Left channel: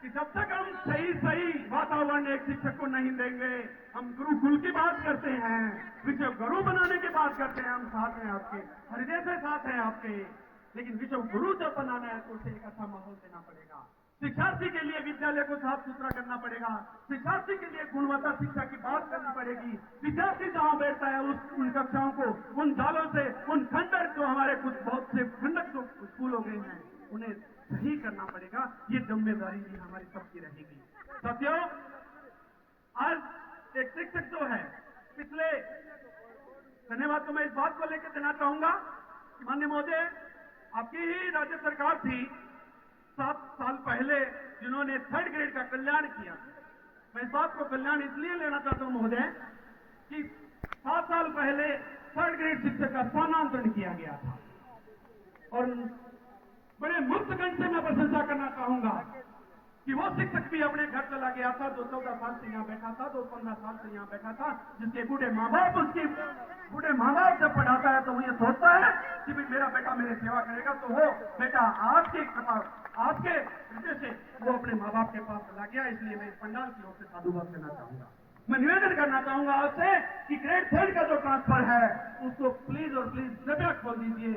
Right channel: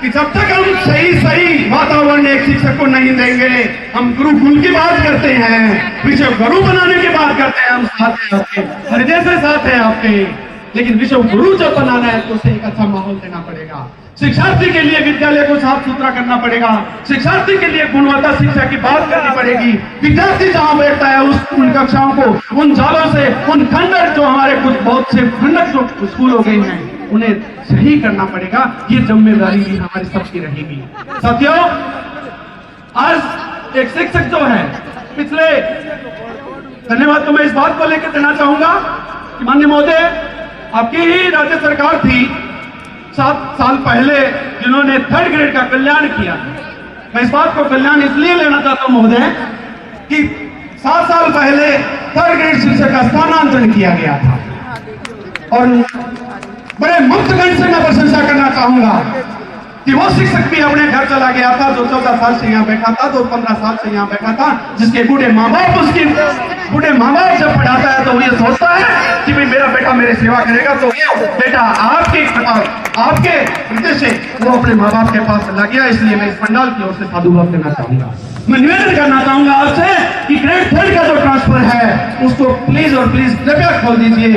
कि जब तक हम सही वातावरण एक शिक्षक को नहीं देंगे, हम गुरुकुल की बात करते हैं, विश्व गुरु बनाने की बात करते हैं, हम साथ हैं आपके, हृदय से साथ हैं आपके, लेकिन विश्व गुरु जब बनाना है तो उसे एक अच्छा माहौल देना पड़ेगा। शिक्षार्थी के लिए विद्यालय को साफ सुथरा करना पड़ेगा, शिक्षार्थी के लिए गुणवत्ता शिक्षा की बात करनी पड़ेगी। विद्यार्थी जहां बैठता है उन कक्षाओं को, उन जालों से, उन खंडर जो हमारे कुछ बहुत से खंडर जो स्कूल हो गए हैं, उन्हें सही करना पड़ेगा। ये जिम्मेदारी भी हमारी सबकी रहेगी। साथियों, आज एक शिक्षक जो है पिछले, धन्यवाद तो मैं इस बात को लेकर देना चाहूंगा कि माननीय महोदय, आपकी ही राज्य सरकार थी 7 साल पहले जिन्होंने 3rd ग्रेड का कल्याण किया। मैं इस बात को कल्याण इसलिए लेना चाहता हूं महोदय कि 7 साल पहले 3rd ग्रेड शिक्षक का स्थानांतरण किया गया था और बड़े मुक्तगण से मैं प्रशंसा करना चाहूंगा कि वो शिक्षक भी अपने घर चला गया था जो 14 साल से यहाँ बैठा था, जो 15 साल से यहाँ बैठा था, जिसके बूढ़े माँ बाप जब पढ़ाता है तो वो ये सोचता है कि भाई मेरा बेटा मेरी सेवा करेगा, तो बेटा आपके हृदय से वो अपने माँ बाप के पास चला गया। इसलिए मैं इस पंडाल की ओर से साधुवाद देना चाहूंगा। मैं निवेदन करना चाहूंगा आपसे कि ग्रेड 3rd का जो ट्रांसफर है उसको प्लीज और प्लीज कृपया खोल दीजिए।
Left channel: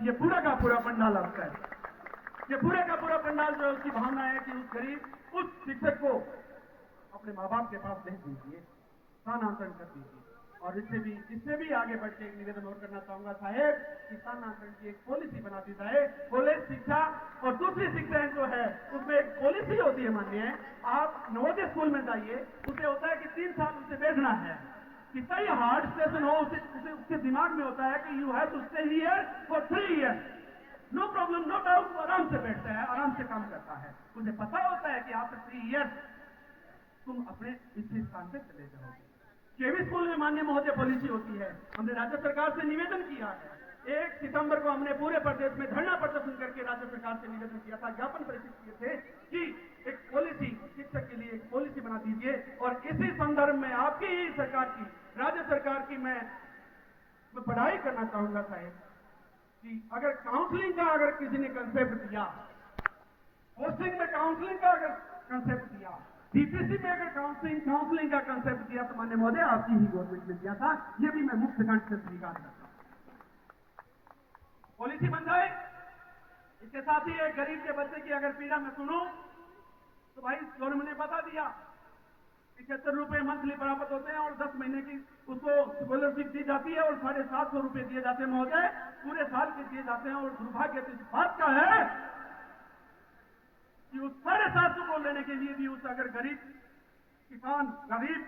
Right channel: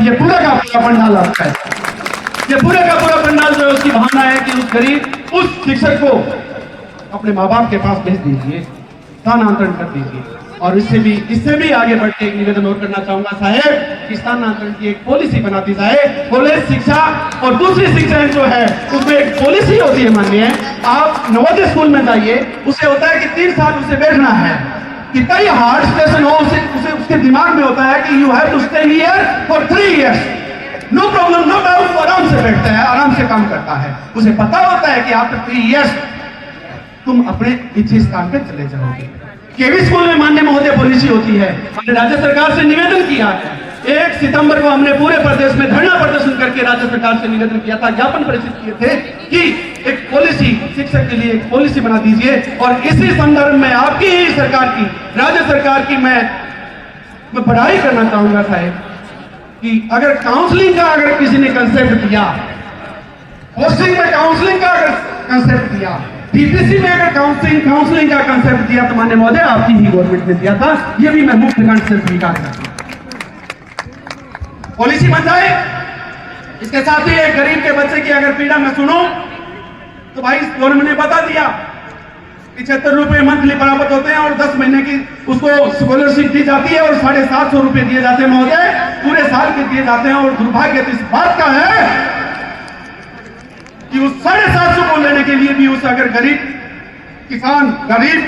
ये पूरा का पूरा पंडाल आपका है, ये पूरे का पूरा पंडाल जो है उसकी भावना है कि उस गरीब उस शिक्षक को अपने माँ बाप के पास भेज दीजिए, स्थानांतरण कर दीजिए। और इससे भी आगे बढ़ के एक निवेदन और करना चाहूंगा साहेब कि स्थानांतरण की एक पॉलिसी बना दी जाए। कॉलेज शिक्षा और दूसरी शिक्षाएं जो है उसमें एक पॉलिसी होती है। मानिए आप नवोदय स्कूल में जाइए, उसे होता है कि 3 साल उसे बैठना है, कि कई हार्ड स्टेशन हो उसे उसके दिमाग में होता है कि you have to stay here for 3 years. No problem, no doubt, वो आराम से बैठता है, आराम से काम करता है। उसे पता होता है कि आफ्टर 3 इयर्स तुम अपने इच्छित स्थान पे चले जाओगे। केवी स्कूल में माननीय महोदय पॉलिसी होती है। हमने राज्य सरकार से निवेदन किया है, 1 सितंबर को हमने पूरे प्रदेश में धरना प्रदर्शन करके राज्य सरकार से निवेदन किया था, ज्ञापन प्रेषित किए थे कि एक पॉलिसी शिक्षक के लिए एक पॉलिसी बना दीजिए। और इसी संदर्भ में आपकी ही सरकार की, राज्य सरकार की मैं बधाई करना चाहूंगा साहेब कि अगर काउंसलिंग का अगर किसी ने कंसेप्ट दिया, पोस्टिंग में काउंसलिंग का अगर कंसेप्ट दिया, डीपीसी में अगर काउंसलिंग का कंसेप्ट दिया तो माननीय महोदय आपकी ही गवर्नमेंट ने दिया था। ये भी मैं मुक्त कंठ से स्वीकार करता हूं। पॉलिसी बन जाए। इसके साथ ही एक गरीब के बच्चे की अगर पीड़ा मैं सुनूं तो भाई गवर्नमेंट ने बता दिया 75 रुपए मंथली प्राप्त होते हैं और 10 महीने की उसको स्कॉलरशिप दी जाती है और 750 रुपए दिए जाते हैं महोदय, पूरे साल के दिए जाते हैं। और दुर्भाग्य इस बात का है कि उस 750 को लेने के लिए भी उस अगर गरीब किसान, गरीब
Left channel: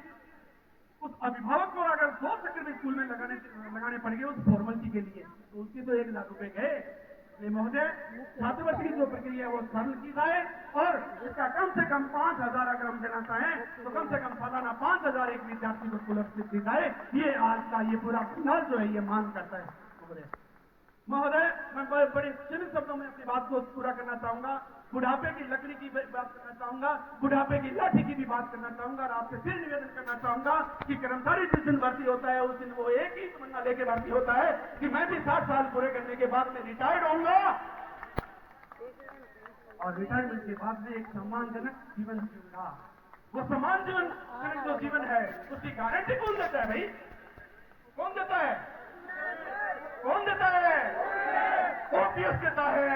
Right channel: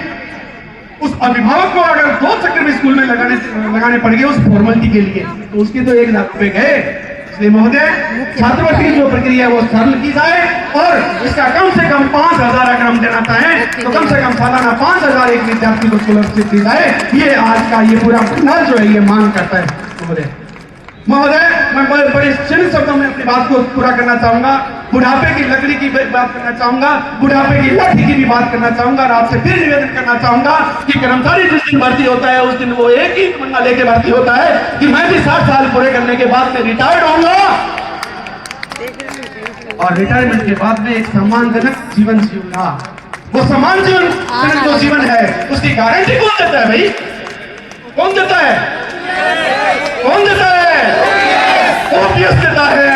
उस अभिभावक को अगर 2 चक्कर भी स्कूल में लगाने पड़ गए उस फॉर्मेलिटी के लिए, तो उसके तो 1 लाख रुपए गए। इसलिए महोदय छात्रवृत्ति की जो प्रक्रिया है वो सरल की जाए और इसका कम से कम 5000 अगर हम देना चाहें तो कम से कम सालाना 5000 एक विद्यार्थी को स्कॉलरशिप दी जाए। ये आज का ये पूरा पंडाल जो है ये मांग करता है। महोदय मैं बड़े क्षणिक शब्दों में अपनी बात को पूरा करना चाहूंगा। बुढ़ापे की लकड़ी की बात करना चाहूंगा, बुढ़ापे की लाठी की भी बात करना चाहूंगा और आपसे फिर निवेदन करना चाहूंगा कि कर्मचारी जिस दिन भर्ती होता है उस दिन वो एक ही तमन्ना लेके भर्ती होता है कि मैं भी 60 साल पूरे करने के बाद में रिटायर्ड होऊंगा और रिटायरमेंट के बाद में एक सम्मानजनक जीवन जीऊंगा। वो सम्मानजनक जो जीवन है उसकी गारंटी कौन देता है भाई? कौन देता है? कौन देता है? ओपीएस देता है।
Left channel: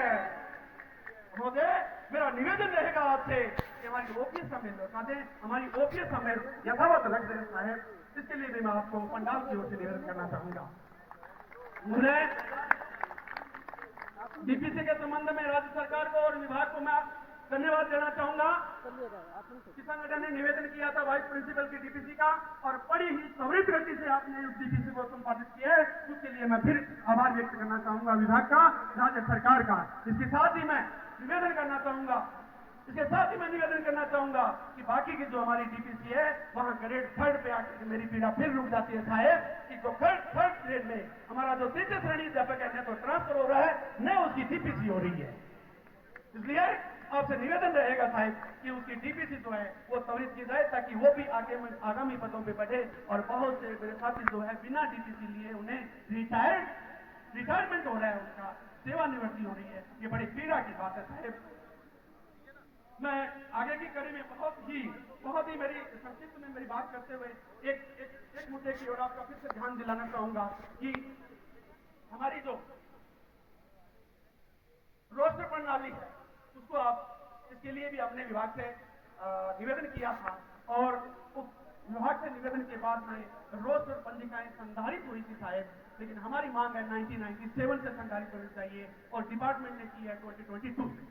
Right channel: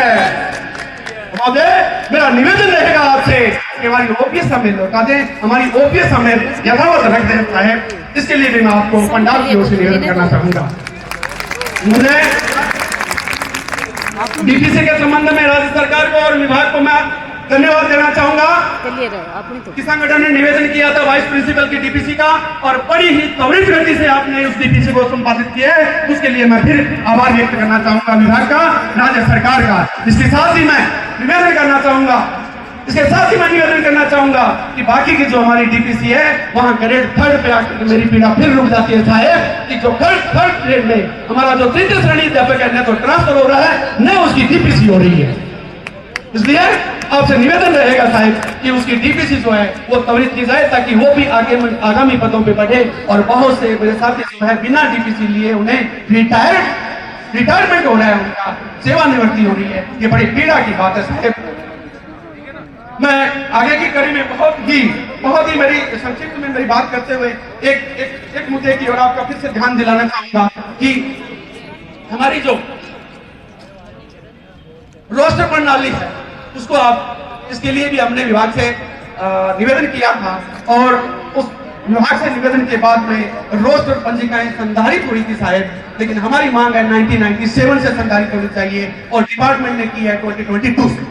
महोदय मेरा निवेदन रहेगा आपसे कि हमारी ओपीएस हमें लौटा दें, हमारी ओपीएस हमें यथावत रख दें साहब। इसके लिए भी मैं आपको पंडाल की ओर से निवेदन करना चाहूंगा। मुझे डीपीसी के संबंध में राज्य सरकार को और विभाग को मैं धन्यवाद देना चाहूंगा। किस संगठन ने निवेदन किया था वाइस प्रिंसिपल की डीपीसी का और बड़ी ही त्वरित गति से आपने उस डीपीसी को संपादित किया है, उसके लिए मैं फिर आभार व्यक्त करना चाहूंगा विभाग का, राज्य सरकार का। इसके साथ ही मैं निवेदन करना चाहूंगा कि बाकी की जो हमारी डीपीसी है वहां ग्रेड 3rd पे आकर मेरी पीड़ा फिर रुक जाती है साहेब कि जो 3rd ग्रेड में हमारा जो 3य श्रेणी अध्यापक है न तो ट्रांसफर हो रहा है न उसकी डीपीसी हो रही है। इसलिए आपसे निवेदन रहेगा साहब कि उसकी डीपीसी जो है वो त्वरित की जाए ताकि वो भी आगामी पदों पे बढ़े। और बहुत से मेरे साथी जो है बिना डीपीसी लिए उन्हें रिटायरमेंट हो रहा है, उनका सेवानिवृत्ति हो रही है। ये बड़ी पीड़ा की बात है साहब। मैं आगे की कड़ी में बहुत ही मेरी संक्षिप्त में मेरी बात करते हुए एक मुद्दे की ओर आपका फिर से ध्यान दिलाना चाहूंगा कि हमारी जो रोस्टर प्रणाली है उसको आप, इसके लिए भी हमने विभाग से निवेदन किया था और उस विभाग से निवेदन के बाद में रोस्टर पंजिकाएं संधारित हुई थी शायद, लेकिन हमारी मांग है 1997 से संधारित होनी चाहिए और डिपार्टमेंट ने की है 2022 से।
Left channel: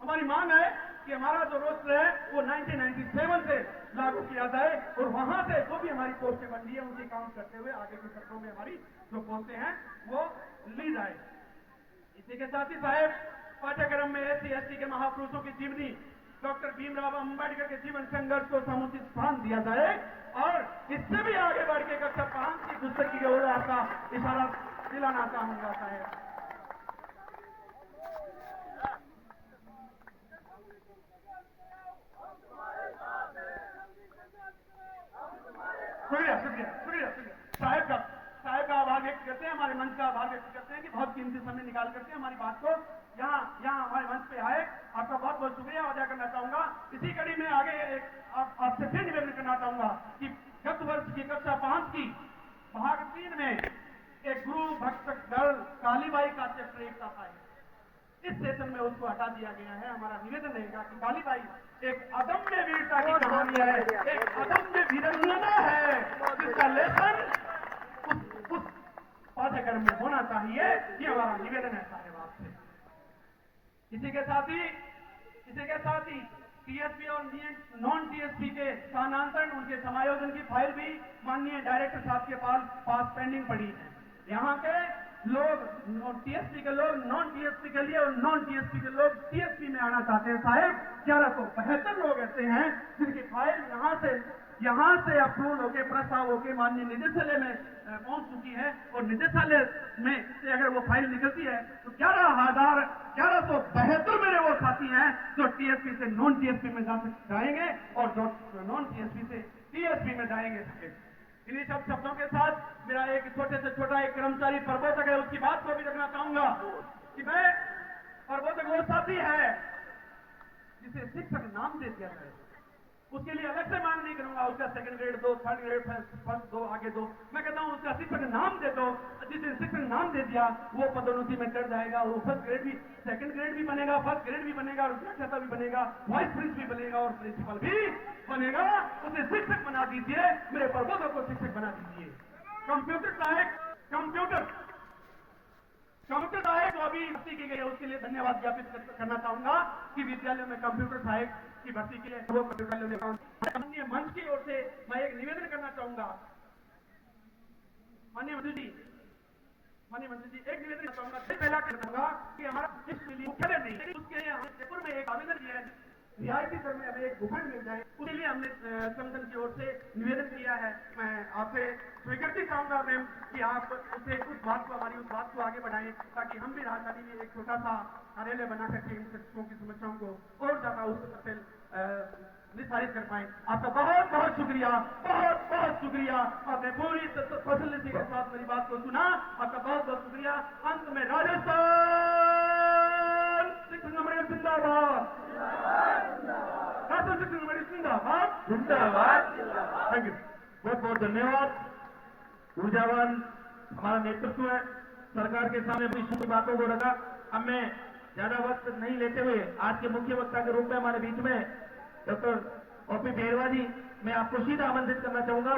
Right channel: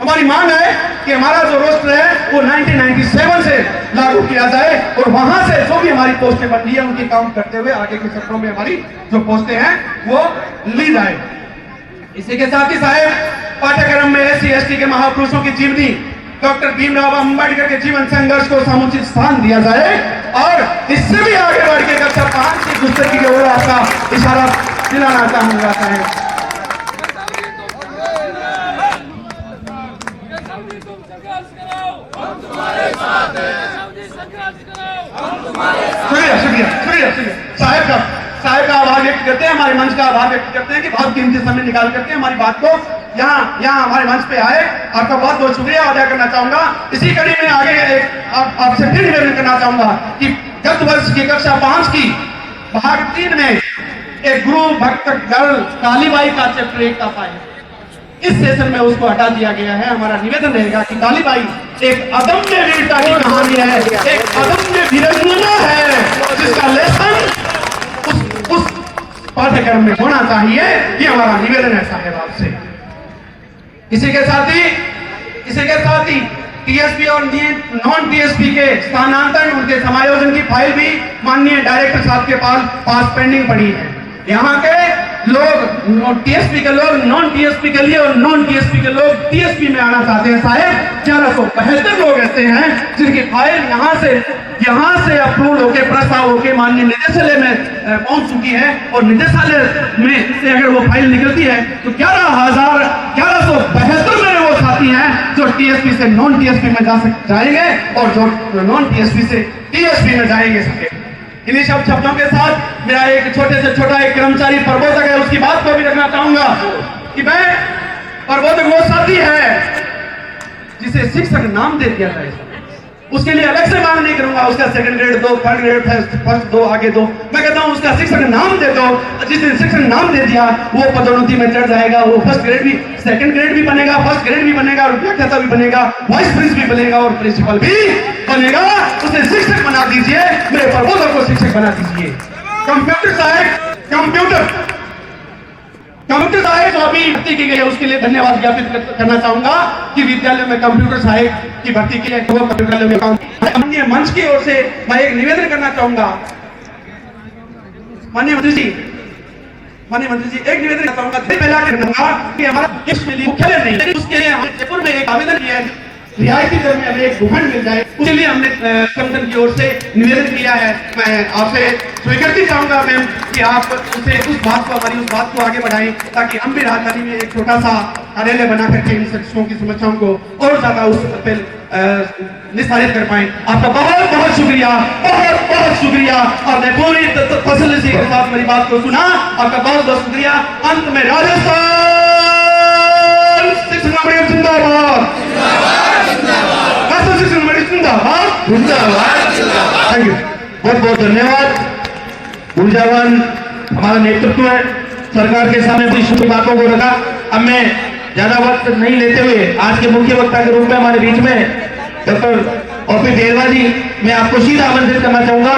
हमारी मांग है कि हमारा जो रोस्टर है वो 1997 से लागू किया जाए और वहां से जो भी हमारी पोस्टें बन रही है उनकी काउंट करते हुए आगे के सत्रों में हमारी जो पोस्टें हैं वो ली जाए। इसी के साथ ही साहब पाठ्यक्रम में SC/ST के महापुरुषों की जीवनी, डॉक्टर भीमराव अंबेडकर के जीवन संघर्ष को समुचित स्थान दिया जाए और इससे भी आगे बढ़ के कक्षा 5 की पुस्तक की ओर आपका इशारा दिलाना चाहूंगा साहब। शुक्रिया साहब का आभार व्यक्त करते हैं, हमारे मंच का आभार व्यक्त करते हैं कि बहुत कीमती समय निकाल करके हमारी बात को यहाँ हमारे मंच पे आए। आपका बहुत बहुत शुक्रिया अदा करना चाहूंगा। इसी कड़ी में आगे आपसे फिर निवेदन करना चाहूंगा कि गत वर्ष की कक्षा 5 की भाग 3 में एक गुरु भक्त गर्ल कालीबाई का चैप्टर 1 का फाइल इस सेशन में उसको हटा दिया गया है। हमारा निवेदन रहेगा कि कालीबाई एक अदम्य वीरता की कहानी है, एक अदम्य वीरांगना है जिसका लेसन उस पाठ्यक्रम में होना चाहिए। ये हमारा निवेदन है साहब आपसे। इसी के साथ ही टीएसपी और नॉन टीएसपी के स्थानांतरण, उनके समायोजन की फाइल भी माननीय डायरेक्टर साहब के पास पेंडिंग पड़ी है। यहाँ के लोग टीएसपी के लोग नॉन टीएसपी के लिए और नॉन टीएसपी के लोग टीएसपी में आना चाहते हैं साहब। 1172 लोग ऐसे हैं जिनकी फाइल यहाँ से अप्रूव होके प्रस्ताव होके माननीय निदेशालय में पहुंच चुकी है और निदेशालय में से अगर वो फाइल निकलती है तो 11,1172 मेरे वो साथी हैं जो टीएसपी से नॉन टीएसपी में जाएंगे और जो नॉन टीएसपी से टीएसपी में जाएंगे साहब। इन्हीं सब शब्दों के साथ मेरा एक छोटे से छोटा एक कर्मचारी प्रबोधक है, उसकी बात को भी रखना चाहूंगा कि मैं प्रबोधक वो साथी है जिसे शिक्षक नाम दे दिया जाए, उसके लिए अलग से मांग नहीं करूंगा उसका सेकंड ग्रेड दो, थर्ड ग्रेड फर्स्ट दो, आगे दो। मैं कहता हूं उसका शिक्षक नाम दे दो। जिसने शिक्षक नाम दे दिया वो पदोन्नति में चढ़ जाएगा, वो फर्स्ट ग्रेड भी, सेकंड ग्रेड भी बनेगा, फर्स्ट ग्रेड भी बनेगा और व्याख्याता भी बनेगा, वाइस प्रिंसिपल भी बनेगा और प्रिंसिपल भी बनेगा। उसे शिक्षक बना दीजिए, मेरे प्रबोधक को शिक्षक बना दीजिए। कंप्यूटर सहायक जो अभी भर्ती की गई है उसके लिए धन्यवाद ज्ञापित करना चाहूंगा कि विद्यालय में कंप्यूटर सहायक की भर्ती की है। वो कंप्यूटर माननीय मंच की ओर से मैं एक निवेदन करना चाहूंगा। माननीय मंत्री जी एक निवेदन करना चाहूंगा कि हमारा मुख्यालय नहीं, लेकिन उसके लिए हमने जयपुर में एक आवेदन किया है, रियायती दर में हमें एक भूखंड मिल जाए, उसके लिए हमने संगठन की ओर से निवेदन किया है। मैं आपसे स्वीकृति चाहूंगा मैम कि आप उसे हमारी उस बात को आगे बढ़ाएं ताकि हम भी राजधानी में एक छोटा सा कार्यालय बना करके इन शिक्षकों की समस्याओं को और ज्यादा उस पर निस्तारित कर पाए। आपका बहुत बहुत शुक्रिया और मैं पूरी तसल्ली के साथ मेरी बात को सुना। आपका बहुत बहुत शुक्रिया। अंत में राजस्थान शिक्षण जिंदाबाद, थैंक यू, बहुत बहुत धन्यवाद। ऊर्जावान हमारा नेतृत्व है, सरकार के सामने अपनी शुभ बातों को रखा। अब मैं ज्यादा वक्त नहीं लेते हुए आज के मुख्य वक्ता के रूप में हमारे बीच में डॉक्टर OP देरवा जी, मैं आपको सीधा आमंत्रित करना चाहूंगा।